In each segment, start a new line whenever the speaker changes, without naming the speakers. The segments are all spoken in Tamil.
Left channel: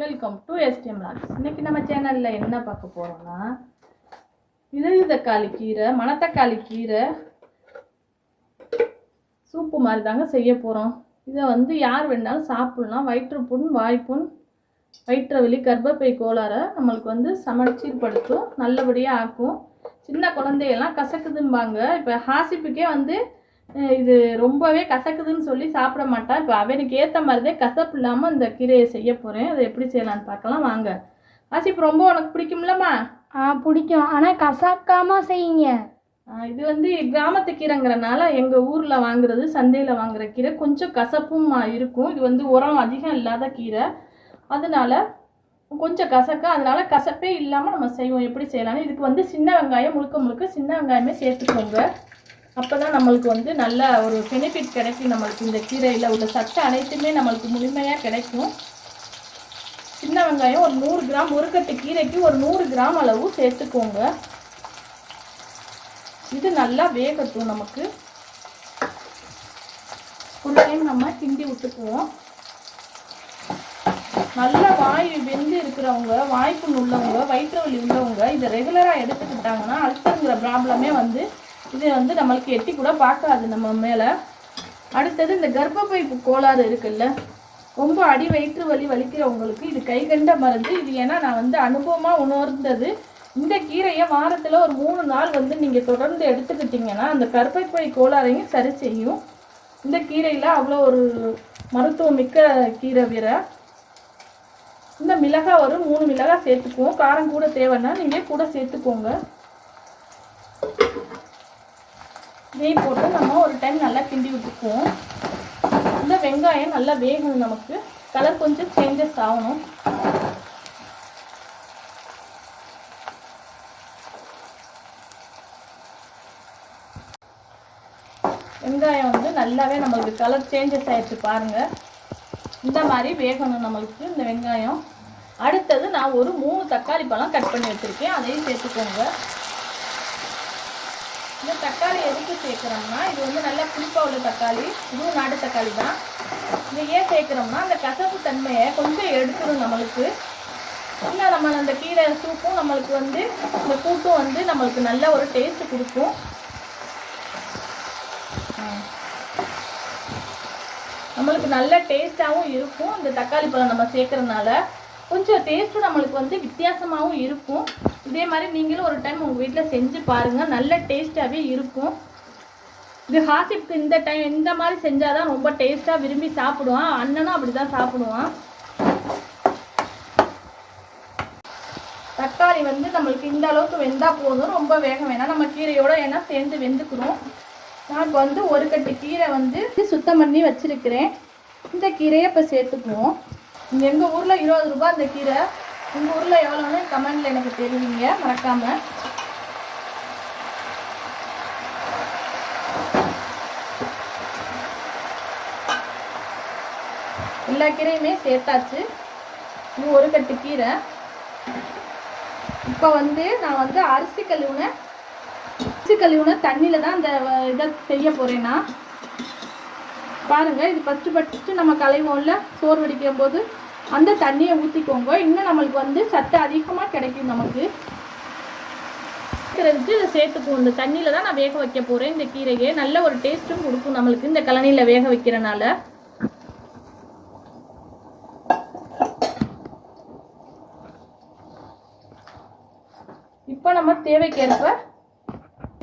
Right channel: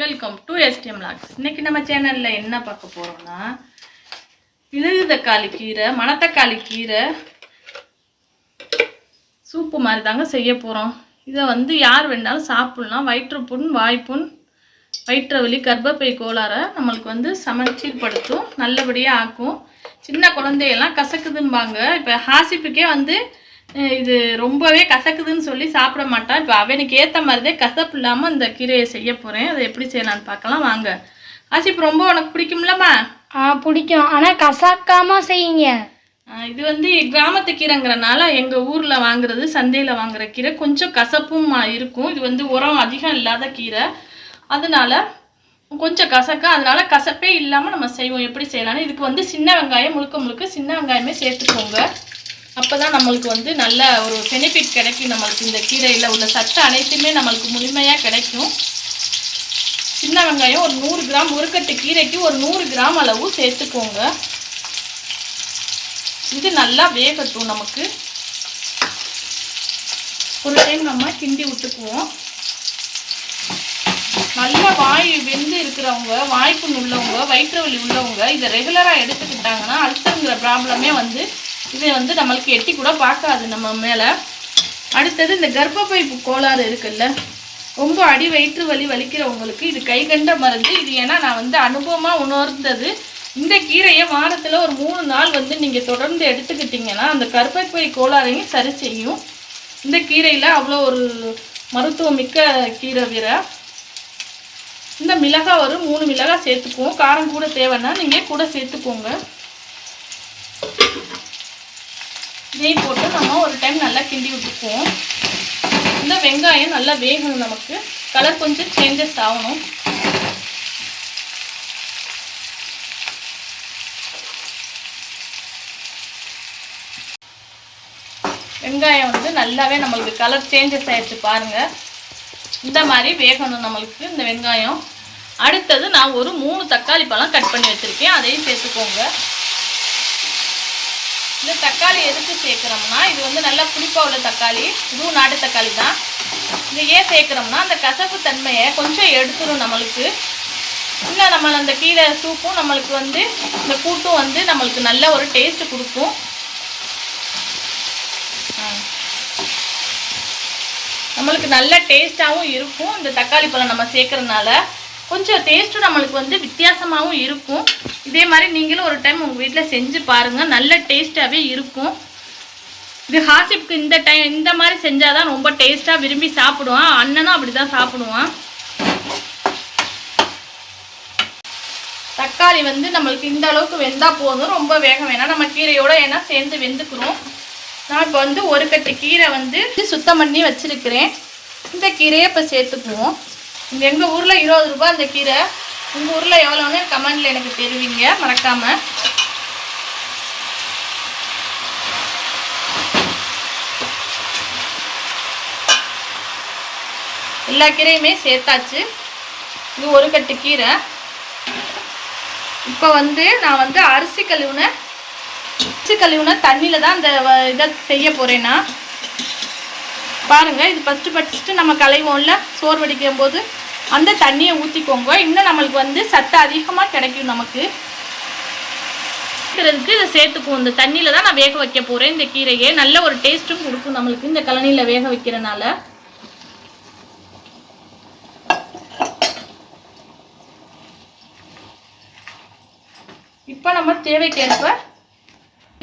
வெல்கம் டு எஸ்டிஎம் லாக்ஸ் இன்றைக்கி நம்ம சேனலில் என்ன பார்க்க போகிறோம்னா மிளகு தக்காளி கீரை மணத்தக்காளி கீரை சூப்பு மாதிரி தாங்க செய்ய போகிறோம் இதை வந்து யார் வேணாலும் சாப்பிட்லாம். வயிற்றுப்புண் வாய்ப்புண் வயிற்று வலி கர்ப்பப்பை கோளாறை நம்மளுக்கு வந்து சமச்சீர்படுத்தும் நல்லபடியாக ஆக்கும். சின்ன குழந்தையெல்லாம் கசக்குதும்பாங்க. இப்போ ஹாசிப்புக்கே வந்து இது ரொம்பவே கசக்குதுன்னு சொல்லி சாப்பிட மாட்டான் இப்போ அவனுக்கு ஏற்ற மாதிரிதே கசப்பு இல்லாமல் இந்த கீரையை செய்ய போகிறேன் அதை எப்படி செய்யலான்னு பார்க்கலாம். வாங்க. ஹாசிப் ரொம்ப உனக்கு பிடிக்கும்லம்மா?
ஆ பிடிக்கும். ஆனால் கசாக்காம செய்யுங்க.
இது வந்து கிராமத்து கீரைங்கிறனால எங்கள் ஊரில் வாங்குறது சந்தையில் வாங்குற கீரை கொஞ்சம் கசப்பும் இருக்கும். இது வந்து உரம் அதிகம் இல்லாத கீரை. அதனால கொஞ்சம் கசக்க அதனால கசப்பே இல்லாமல் நம்ம செய்வோம். எப்படி செய்யலாம்னு? இதுக்கு வந்து சின்ன வெங்காயம் முழுக்க முழுக்க சின்ன வெங்காயமே சேர்த்துக்கோங்க. அப்போ தான் நம்மளுக்கு வந்து நல்ல ஒரு பெனிஃபிட் கிடைக்கும் நம்மளுக்கு இந்த கீரையில் உள்ள சத்து அனைத்துமே நம்மளுக்கு முழுமையாக கிடைக்கும். சின்ன வெங்காயம் ஒரு நூறு கிராம் ஒரு கட்டு கீரைக்கு ஒரு நூறு கிராம் அளவு சேர்த்துக்கோங்க. இது நல்லா வேகட்டும் நமக்கு. ஒரு டைம் நம்ம கிண்டி விட்டுக்குவோம். நல்லா வாய் வெந்து இருக்கிறவங்க வாய்ப்புண் உள்ளவங்க வயிற்று வலி உள்ளவங்க இதை ரெகுலராக எடுத்துக்கிட்டாங்கன்னா அல்சருங்கிற ப்ராப்ளமே வந்து இதை வந்து நம்மளுக்கு எட்டி கூட பார்க்காது நம்ம மேலே. அடுத்தது இந்த கர்ப்பப்பை கோளாறு இருக்குல்ல ரொம்ப அடி வயிற்று வலி வலிக்கிறவங்களுக்கு இது கைகண்ட மருந்து. இது ஏன்னா நான் வந்து அனுபவமாக உணர்ந்தது. இந்த கீரையை வாரத்தில் ஒரு மூணு நாள் வந்து நீங்கள் தொடர்ந்து எடுத்துக்கிட்டிங்கன்னா அந்த கர்ப்பப்பை கோளாறையும் சரி செய்யும். இந்த கீரையில் அவ்வளோ ஒரு மருத்துவமிக்க கீரை வீரை இந்த மிளகாய் ஒரு மூணு மிளகாய் சேர்த்துக்குவோம். காரம் கூட தேவைன்னா நீங்கள் கூட சேர்த்துக்கோங்க. நெய் போட்டு நம்ம ஒரு டைம் நல்லா கிண்டி விட்டுக்குவோம். இந்த வெங்காயம் நல்லா வேகணும் நமக்கு. கலர் கொஞ்சம் சேஞ்சஸ் ஆகணும். வெங்காயம் வந்து நல்லாவே நம்மளுக்கு கலர் சேஞ்சஸ் ஆயிடுச்சு பாருங்க. இந்த மாதிரி வேகணும் நம்மளுக்கு இந்த வெங்காயம். அடுத்தது நான் ஒரு மூணு தக்காளி பழம் கட் பண்ணி வச்சுருக்கேன். அதையும் சேர்த்துக்கோங்க. இந்த தக்காளி எதுக்கு சேர்க்குறோம்னா இது வந்து நல்லா புளிப்பாக உள்ள தக்காளி இதுவும் நாட்டு தக்காளி தான். இது ஏன் சேர்க்குறோம்னா அந்த கசப்பு தன்மையை கொஞ்சம் எடுத்துரும் நம்மளுக்கு. இன்னும் நம்ம அந்த கீரை சூப்பும் நம்மளுக்கு வந்து இந்த கூட்டும் வந்து நம்மளுக்கு நல்ல ஒரு டேஸ்ட் கொடுக்கும். நம்மளுக்கு நல்ல டேஸ்ட்டாகவும் இருக்கும். இந்த தக்காளி பழம் நம்ம சேர்க்குறதுனால கொஞ்சம் டேஸ்ட்டும் நம்மளுக்கு வந்து வித்தியாசமாகவும் இருக்கும். இதே மாதிரி நீங்களும் ஒரு டைம் உங்கள் வீட்டில் செஞ்சு பாருங்கள் நல்ல டேஸ்ட்டாகவே இருக்கும். இது ஹாசிப்க்கு இந்த டைம் இந்த மாதிரி செஞ்சால் தான் ரொம்ப டேஸ்ட்டாக விரும்பி சாப்பிடுவான். அண்ணனும் அப்படி தான் சாப்பிடுவான். தக்காளி வந்து நம்மளுக்கு இந்த அளவுக்கு வெந்தால் போதும். ரொம்ப வேகம் வேணாம். நம்ம கீரையோட ஏன்னா சேர்ந்து வெந்துக்கிறோம். நான் இப்போ வந்து ஒரு கட்டு கீரை வந்து சுத்தம் பண்ணி வச்சுருக்கிறேன். இந்த கீரையை இப்போ சேர்த்துக்குவோம். இங்கே எங்கள் ஊரில் இருபது ரூபாய் அந்த கீரை. உங்கள் ஊரில் எவ்வளோன்னு கமெண்டில் எனக்கு தெரிவிங்க மறக்காமல் எல்லா கீரையுமே சேர்த்தாச்சு. இது ஒரு கட்டு கீரை. இப்போ வந்து நான் வந்து அரிசி கழுவுன அரிசி கழுவுன தண்ணியில் தான் இந்த வ- இதை செய்ய போகிறேன்னா பாருங்கள் இது ஃபஸ்ட்டு ஃபஸ்ட்டு நம்ம களைவோம்ல சோறு வடிக்கும் போது அந்த தண்ணியை ஊற்றிக்கோங்க இன்னும் நம்மளுக்கு வந்து சத்து அதிகமாக கிடைக்கும் நமக்கு. வைக்கிறதுக்கு இதை சேர்த்துக்குவோம். இந்த தண்ணியில் தான் நான் வேக வைக்க போகிறேன் இந்த கீரையை நல்ல ஒரு டேஸ்ட்டும் கொடுக்கும் நம்மளுக்கு இந்த கழனியில் வேக வைக்கிறனால. இப்போ நம்ம தேவைக்கேற்ப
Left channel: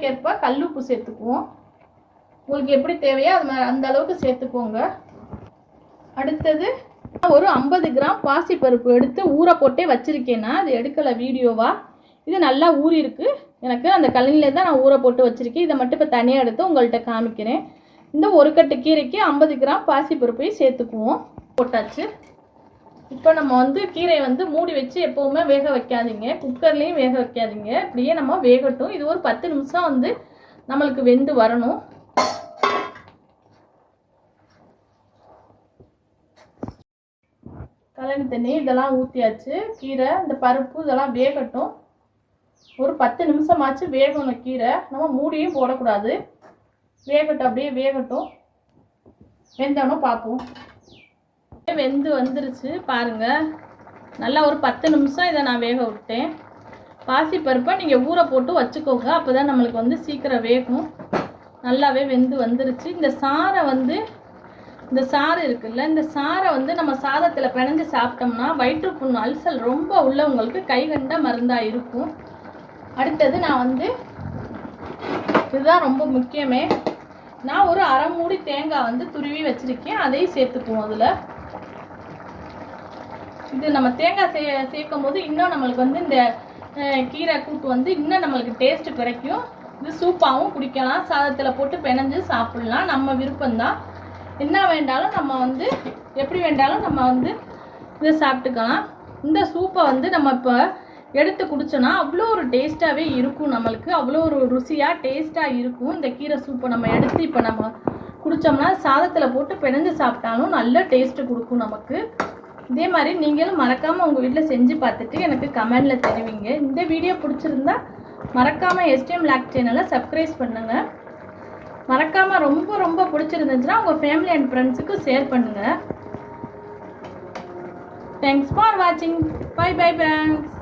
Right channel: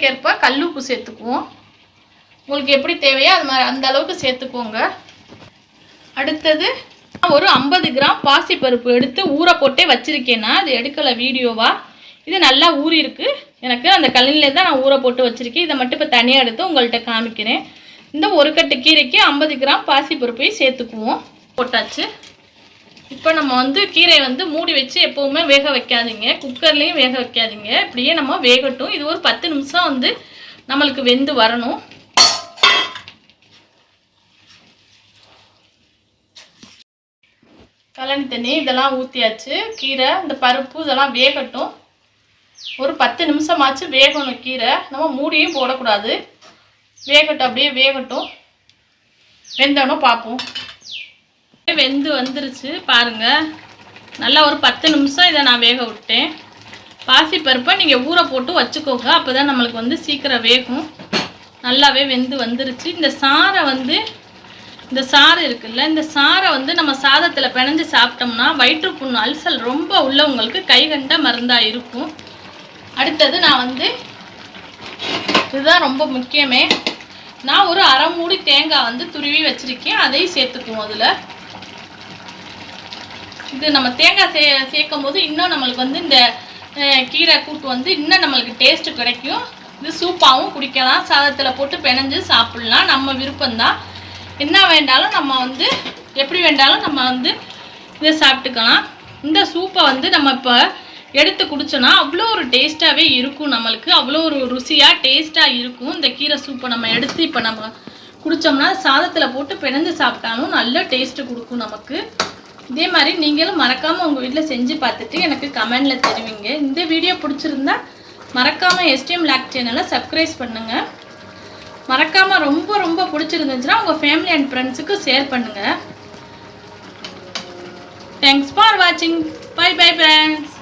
ஏற்ப கல்லுப்பு சேர்த்துக்குவோம். உங்களுக்கு எப்படி தேவையோ அது மாதிரி அந்த அளவுக்கு சேர்த்துக்கோங்க. அடுத்தது ஒரு ஐம்பது கிராம் பாசிப்பருப்பு எடுத்து ஊற போட்டே வச்சுருக்கேன்னா அது எடுக்கலை வீடியோவாக இது நல்லா ஊறி இருக்கு எனக்கு அந்த கல்லில் தான் நான் ஊற போட்டு வச்சுருக்கேன். இதை மட்டும் இப்போ தனியாக எடுத்து உங்கள்கிட்ட காமிக்கிறேன். இந்த ஒரு கட்டு கீரைக்கு ஐம்பது கிராம் பாசிப்பருப்பையும் சேர்த்துக்குவோம். போட்டாச்சு. இப்போ நம்ம வந்து கீரையை வந்து மூடி வச்சு எப்போவுமே வேக வைக்காதீங்க. குக்கர்லேயும் வேக வைக்காதீங்க. இப்படியே நம்ம வேகட்டும். இது ஒரு பத்து நிமிஷம் வந்து நம்மளுக்கு வெந்து வரணும். கழனி தண்ணி இதெல்லாம் ஊற்றியாச்சு கீரை இந்த பருப்பு இதெல்லாம் வேகட்டும். ஒரு பத்து நிமிஷமாச்சு வேகணும் கீரை. நம்ம மூடியும் போடக்கூடாது. வேகட்டும் அப்படியே வேகட்டும். வெந்தானோ பார்ப்போம். வெந்து வந்துருச்சு பாருங்க. நல்லா ஒரு பத்து நிமிஷம் இதை நான் வேக விட்டேன். பாசிப்பருப்பை நீங்கள் ஊற போட்டு வச்சுக்கோங்க. அப்போ தான் நம்மளுக்கு வந்து சீக்கிரம் வேகும். நல்லாவே வெந்து வந்துருச்சு. இந்த சாரை வந்து இந்த சாறு இருக்குல்ல இந்த சாரை வந்து நம்ம சாதத்தில் பிணைஞ்சு சாப்பிட்டோம்னா வயிற்றுப்புண் அல்சல் ரொம்ப உள்ளவங்களுக்கு கைகண்ட மருந்தாக இருக்கும். அடுத்தது நான் வந்து இதுதான் ரொம்ப முக்கியமே. நான் ஒரு அரை மூடி தேங்காய் வந்து துருவி வச்சுருக்கேன். அதையும் சேர்த்துக்குவோம் அதில். இது நம்ம தேங்காய் சே சேர்க்கும் போது இன்னும் நம்மளுக்கு வந்து இந்த கீரை கூட்டு வந்து இன்னும் நம்மளுக்கு டேஸ்ட்டு கிடைக்கும். இது சூப்பாகவும் குடிக்கலாம். சாதத்தில் போட்டு பிணைஞ்சு சாப்பிட்லாம். நம்ம விருப்பம்தான். என்ன வேண்டாலும் நம்ம வந்து எப்படி வேண்டாலும் நம்ம வந்து இதை சாப்பிட்டுக்கலாம். இந்த சூப்பை வந்து நம்ம இப்போ எடுத்து குடிச்சோன்னா அவ்வளோ ஒரு டேஸ்ட்டாகவே இருக்கும் நம்மளுக்கு. அவ்வளோ ஒரு ருசியாக டேஸ்ட்டாக இருக்கும் இந்த கீரை சூப்பை நம்ம எடுத்து இப்போ நம்ம குடித்தோம்னா சாதத்தில் போட்டு பிணைஞ்சு சாப்பிட்டாலும் நல்ல டேஸ்ட்டு கொடுக்கும் நமக்கு. இதே மாதிரி நீங்களும் மறக்காமல் உங்கள் வீட்டில் செஞ்சு பார்த்துட்டு எனக்கு கமெண்டில் தருவீங்க. இந்த வீடியோ பிடிச்சிருந்தா மறக்காமல் எஸ்டிஎம் லேக் சேனலை சப்ஸ்கிரைப் பண்ணுங்கள் மறக்காமல் ரொம்ப ரொம்ப பிடிச்சிருந்துச்சுன்னா உங்கள் ஃபேமிலி அண்ட் ஃப்ரெண்ட்ஸுக்கு ஷேர் பண்ணுங்கள் தேங்க்ஸ் ஃபார் வாட்சிங் பை பை ஃப்ரெண்ட்ஸ்